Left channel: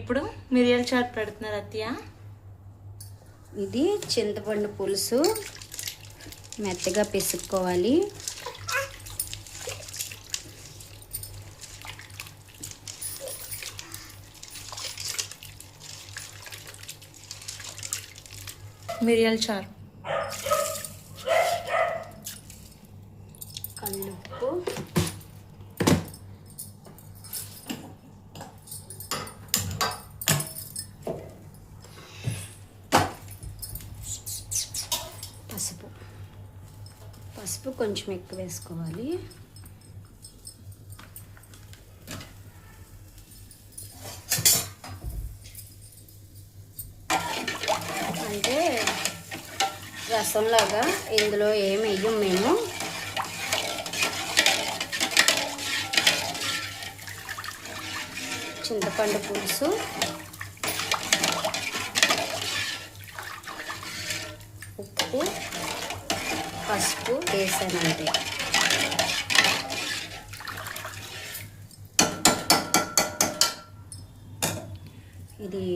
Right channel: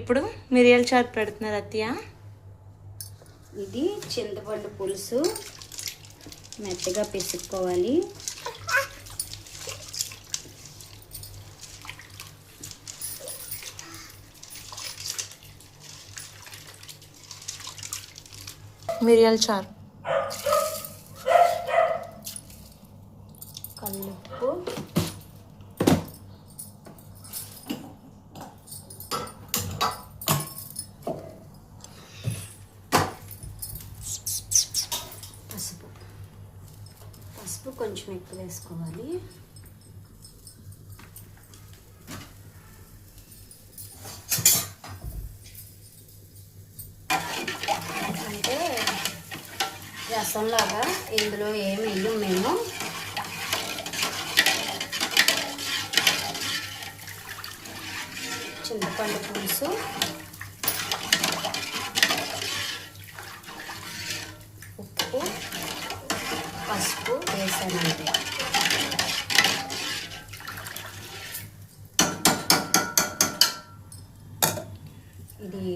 ఇప్పుడు మిరియాల చారు పెడుతున్నారు అత్తయ్య. ఇది చింతపండు పులుసు మెత్తగా పిసుక్కోవాలి. మిరియాల చారు, కల్లుప్పు, పసుపు కొంచెం ఎక్కువ వేసుకోవాలి. అంటే రసంలాగా ఇందులో ఏమి వేయం మేము. చింతపండు పులుసు, ఉప్పు, పసుపు వేసానంటే ఇది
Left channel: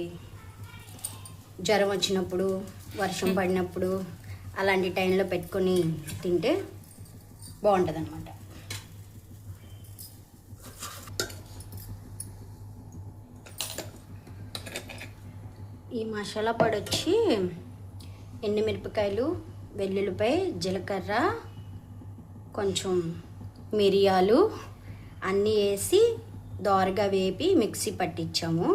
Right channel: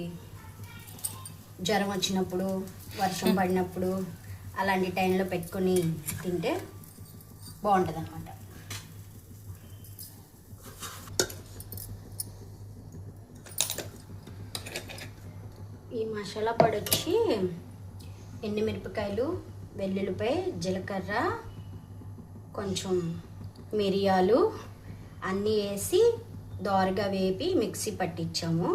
జ్వరం వచ్చినప్పుడు, వర్షం పడినప్పుడు అలాంటి టైంలో పెట్టుకొని తింటే బాగుంటుంది అన్నమాట. ఈ మసాలా పొడి వచ్చి ఎండుమిరపకాయలు, వెల్లుల్లిపాయ, జీలకర్ర, కొంచెం మిరియాలు అన్నీ వేసి దోరగా వేపి మిక్సీ పట్టించాము.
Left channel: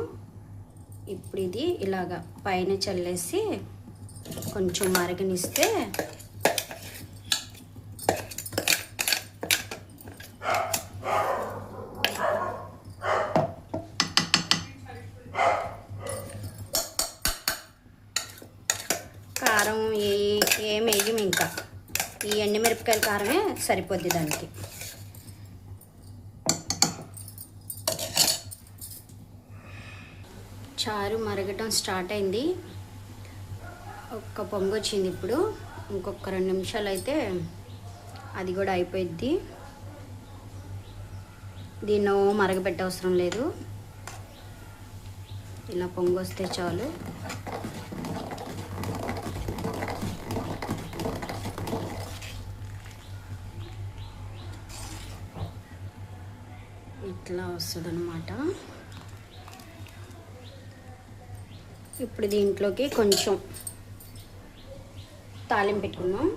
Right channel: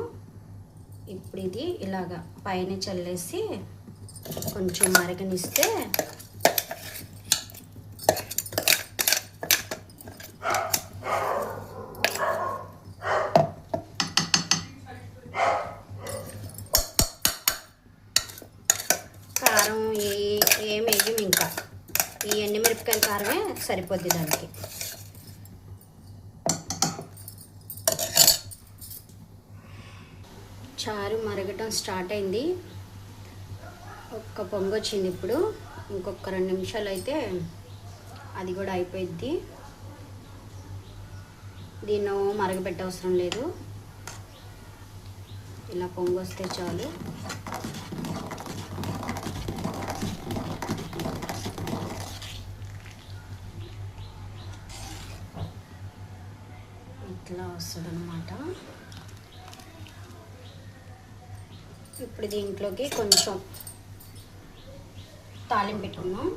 ఇప్పుడు ఇది ఇలాగా పైన చల్లేసి కొంచెం మరగనిస్తే కారం ఏం వేయం. ఇంకా ఈ ఎండుమిరపకాయల కారమే సరిపోద్ది దానికి. చారు మరగటం స్టార్ట్ అయింది. ఒక్క పొంగు వచ్చింది. ఇప్పుడు ఇంకొక 2 నిమిషాలు అయితే అది కూడా అయిపోయిద్ది. దీన్ని మరగబెట్టే అవసరం లేదు, ఇలా పొంగు వస్తే చాలు. ఇట్లా వస్తుందన్నమాట. ఇప్పుడు దీంట్లోకి కొంచెం తాలింపు పెట్టుకున్నాం.